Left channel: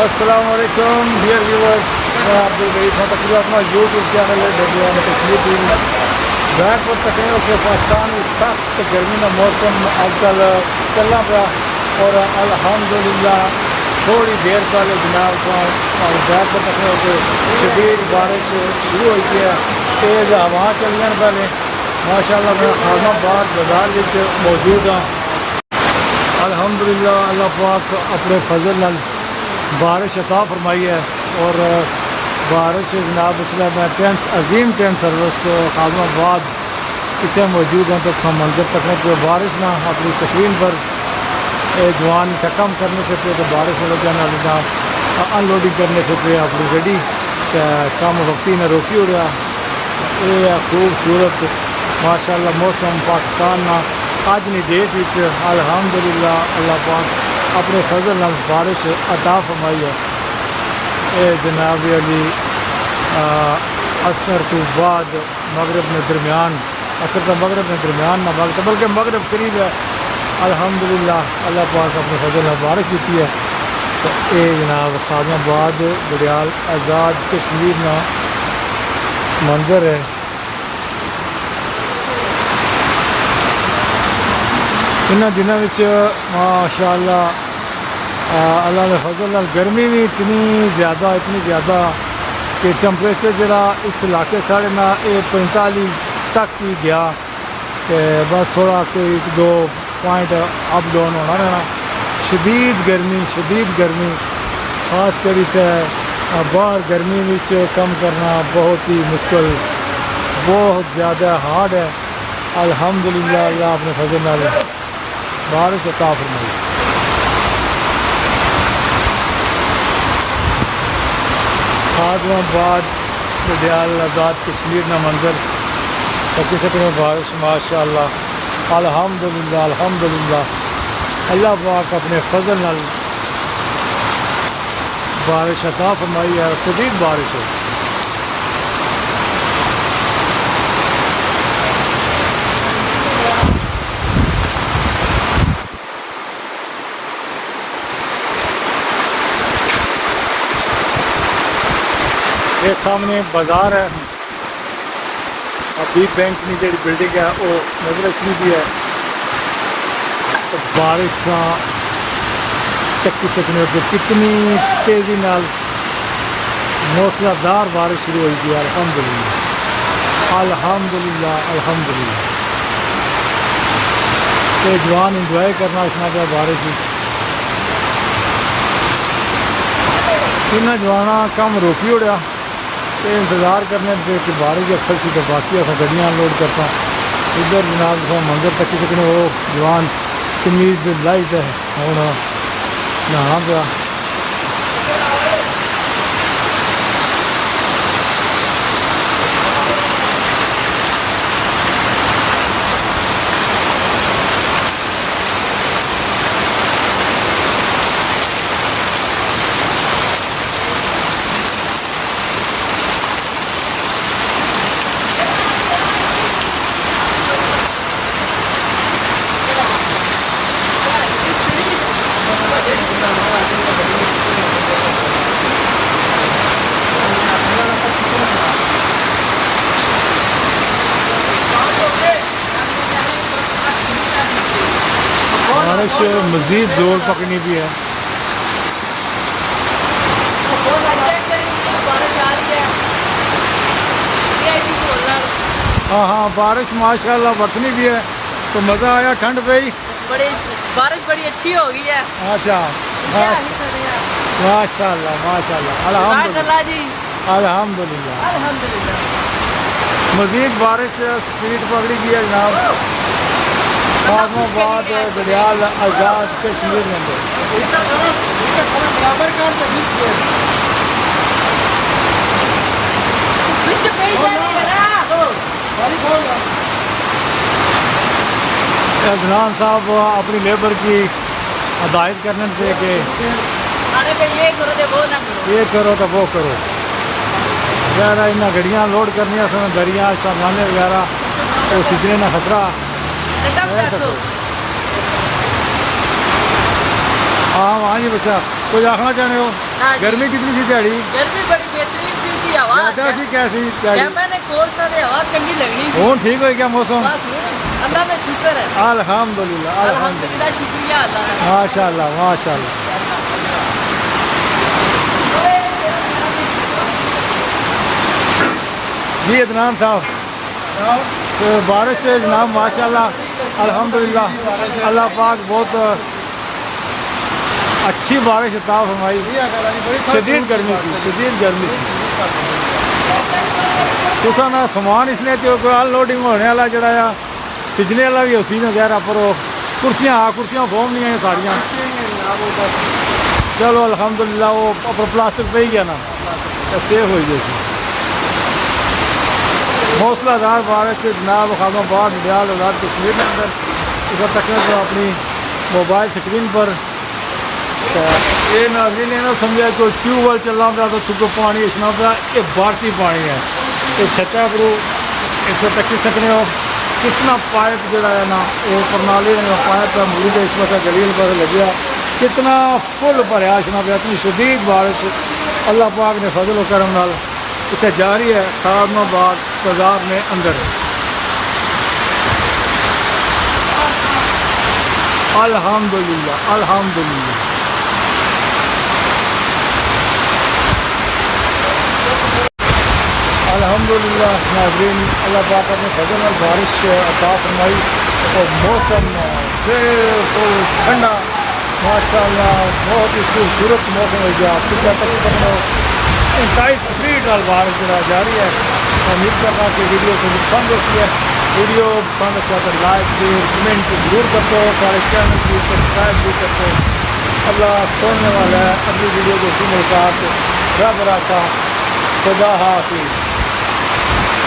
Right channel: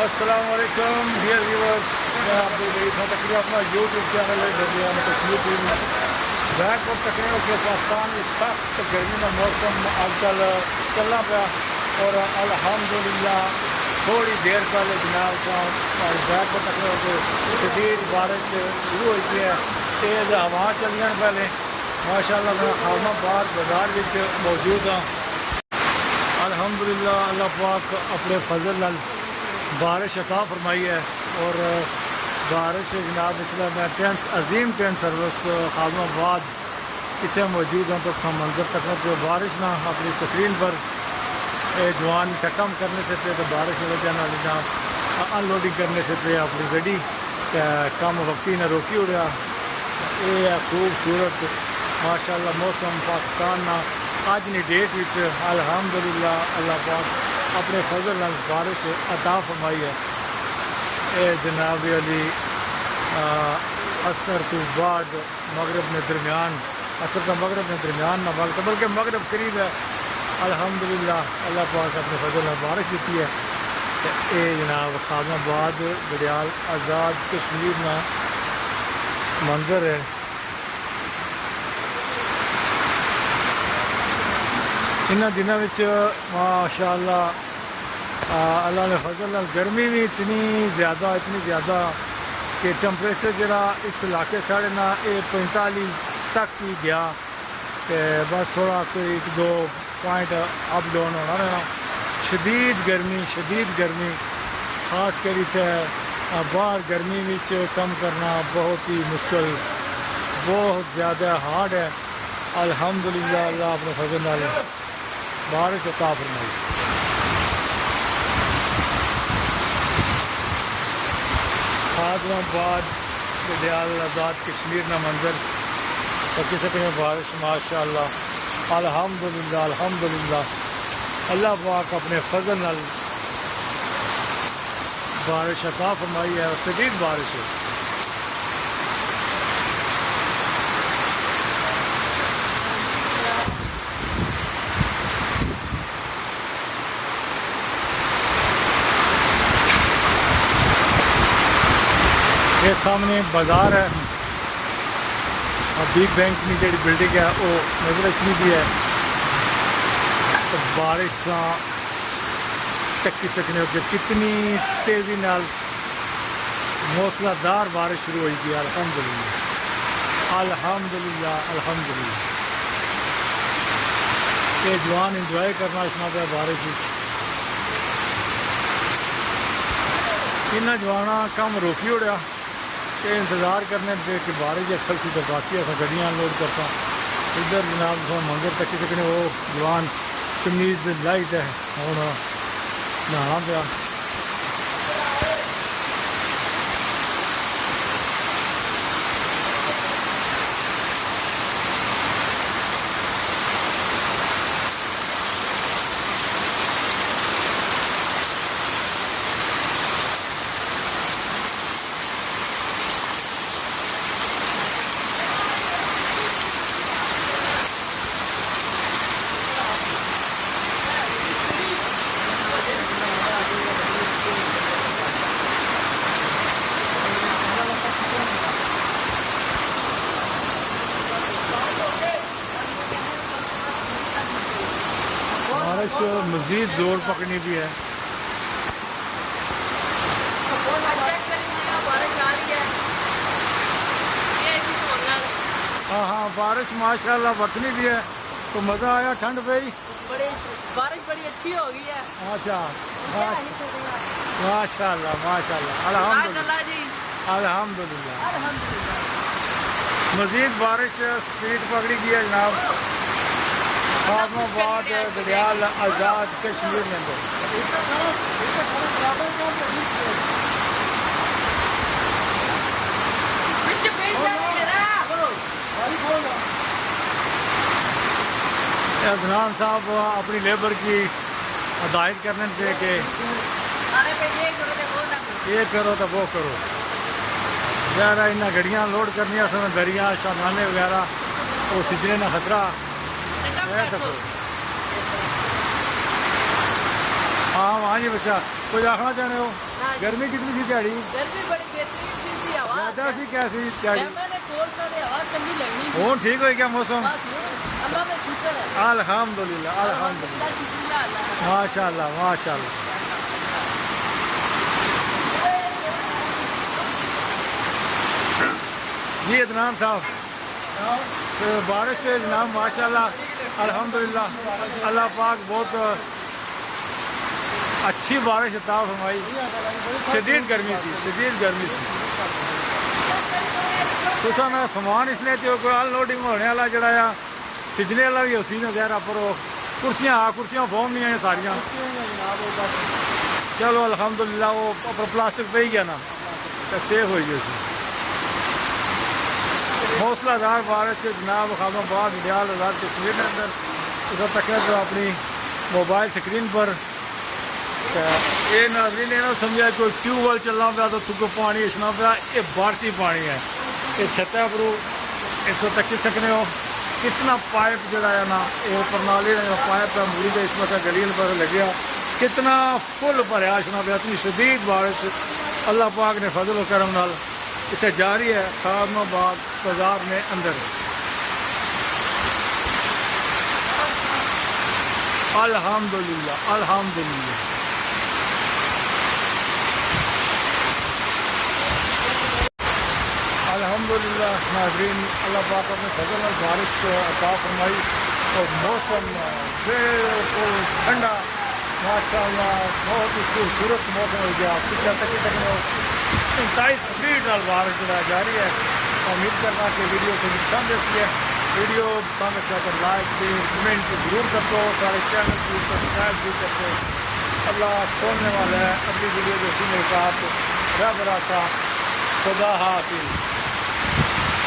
السلام علیکم dear viewers, میں عبدالغیث ہوں۔ تقریباً اپنا یوٹیوب چینل ہے کشمیر ٹی وی بیک پر تقریباً کہ پاکستان میں سخت گرمی کا موسم آج کل چلنا پیا، اور الحمدللہ تھوڑی دیر پہلے جناب بیک پر تقریباً کہ شدید بارش شروع ہوئی ہے، تیز ہوا چلیاں پہلے ماشاءاللہ۔ میں خادم آباد بازار میں موجود ہوں۔ الحمدللہ اللہ پاک اپنے فضل نال بارش عطا فرمائی ہے، اور بارش جناب اس لیے میں عظیم ٹرین سروس خادم آباد اتنے موجود ہوں۔ تو منظر تک کہ بارش نہ اپنی سکرین پر جوان کم کرنے سے پہ، تو بارش میں وجہ ان لوڈنگ کرنے سے پہ اپنی گڈی کم وقتی نہ روکی ہو رہا۔ یہ خوبصورت ماشاءاللہ موسم پاکستان نہ آج نی ڈیٹ وچ الحمدللہ اللہ پاک اپنے فضل نال بارش عطا فرمائی ہے۔ اے جناب علی عصر تو بعد مغرب میں درمیان، عصر تو مغرب میں درمیان نہ بلکہ مغرب قریب ہے۔ الحمدللہ اللہ پاک اپنے فضل نال بارش دیتی ہے۔ تو اے جناب خادم آباد بڑیال آزاد کشمیر نا منظر ہے۔ انہاں دنوں وچ ماشاءاللہ اللہ نے فضل نال گرمی بھی اتنی زیادہ کہ ٹمپریچر جڑا اس علاقے ساڑھے نا 45 تک ہی گیا، کہ بس تھوڑا کوئی 1-2 پوائنٹ اپ ڈاؤن ہونا رہنا۔ شدید گرمی خاص کری تے باہر گرمی وچ کم کرنا بہت ہی مشکل، بہت زیادہ ہارڈ ہے۔ الحمدللہ اللہ اپنے فضل نال بارش عطا فرمائی۔ خادم آباد بڑیال آزاد کشمیر نا منظر تکی سکنے بارش ماشاءاللہ الحمدللہ اللہ پاک اپنے فضل نال بارش عطا فرمائی ہے، اور شدید بارش ہے۔ یہ سامنے بازار ہے، بگ بینک کی جڑی بلڈنگ ہے وہ نظر اچھی بھی ہے۔ تو بارش چکی سکنے کہ کتنی تیزی نال موسلا دار بارش شروع ہوئی تھی۔ الحمدللہ یہ جوان انجوائے کرنا اتنا پہ بارش میں۔ انہیں جوانا کم روکی ہو رہا کہ انتظار کرنے پہ کہ بارش اکثر سی، تو باقی اصل گڈیاں لوڈ کرتا ادھر جناب منظر تک سکنے وہ جوان قمیض لائٹ ہے ہوں نہانا پیا۔ بارش مزید زور پکڑنی بھی ہے۔ ہاں بارش ماشاءاللہ برتنی بھی ہے، تو مزہ آیا، ٹھنڈ پہ ہی بارش بڑی اچھی ہو گئی ہے۔ اچھا ماشاءاللہ الحمدللہ مزید بارش سپیڈ پکڑی گئی ہے جناب خادم آباد بڑیال آزاد کشمیر میں۔ عدنان صاحب اپنی لیبر کی ہدایت کرنے سے کہ یہ کرو تو وہ کرو، وغیرہ انہیں گڑیاں لوڈ کرنی سن، دریا شاملانے وغیرہ وہ سجنے نہ خطرہ۔ ہاں جی بچہ کچھ آخنا چاہتے ہو؟ ہاں جی۔ گرمی کتنی سی دیہڑی؟ گرمی بڑی بہترین سی جی ہوا زیادہ سی کیسی دیہڑی؟ میں نے کورس سے ہوا چنگی لگنی تھی ہوں ٹھیک ہوئی کیا موسم؟ بس ہوں اللہ کا شکر ہے الحمدللہ الحمدللہ الحمدللہ شکریہ اللہ کا ماشاء اللہ ماشاء اللہ جی عدنان صاحب تو بارش سے جناب ماشاء اللہ الحمدللہ اللہ پاک بہت اچھی بارش عطا فرمائی شدید گرمی سی تو نا سامان اس لیے کہ ان لوڈنگ ہونے والا جڑا ہے سجنے والا بھی اسی نے ظاہر پر کرسیاں فوم نہیں ہیں ساریاں چلو الحمدللہ وہ پر پلاسٹک پہ ہی گیا نا سیف ہوئی جیسی حوصلہ دار بارش سے جناب خادم آباد ڈیال آزاد کشمیر کے اندر اس وقت تک تو اپنی موبائل اسکرین پر یہ ناظرین نے نہ سمجھا کہ ٹیوب ویل چلنا پیا تو چکو پانی اچھنا پیا یہ بارشی پانی ہے یہ چھتا کرو اس وقت تک سکنے ہو کتنا پائپ جڑا ہے نا یہ پرنالی پائپ ہے موری کا اس وقت گلیل پر لگیا کتنا فل بھریا اچھنا پیا اتنی شدید بارش اللہ پاک نے فضل و کرم نال اتنے جاری ہے خادم آباد بازار میں اندر الحمدللہ الحمدللہ الحمدللہ ناظرین اللہ پاک اپنے فضل اور بارش عطا فرمائی اور موسم بالکل ٹھنڈا ماشاءاللہ بہت ہی خوبصورت موسم ہو گیا پچھلے تقریباً 27 سپریٹ نال بارش جڑا جاری ہے امید کرنا کہ ویڈیو کو پسند دیکھی ہے ویڈیو پسند اچھا تو لائک شیئر کمنٹ ضرور کر دو سارے چینل کی سبسکرائب بھی کر دو اللہ سننے والا ہے اگلی ویڈیو کو اسی ملاقات رب راکھا خدا حافظ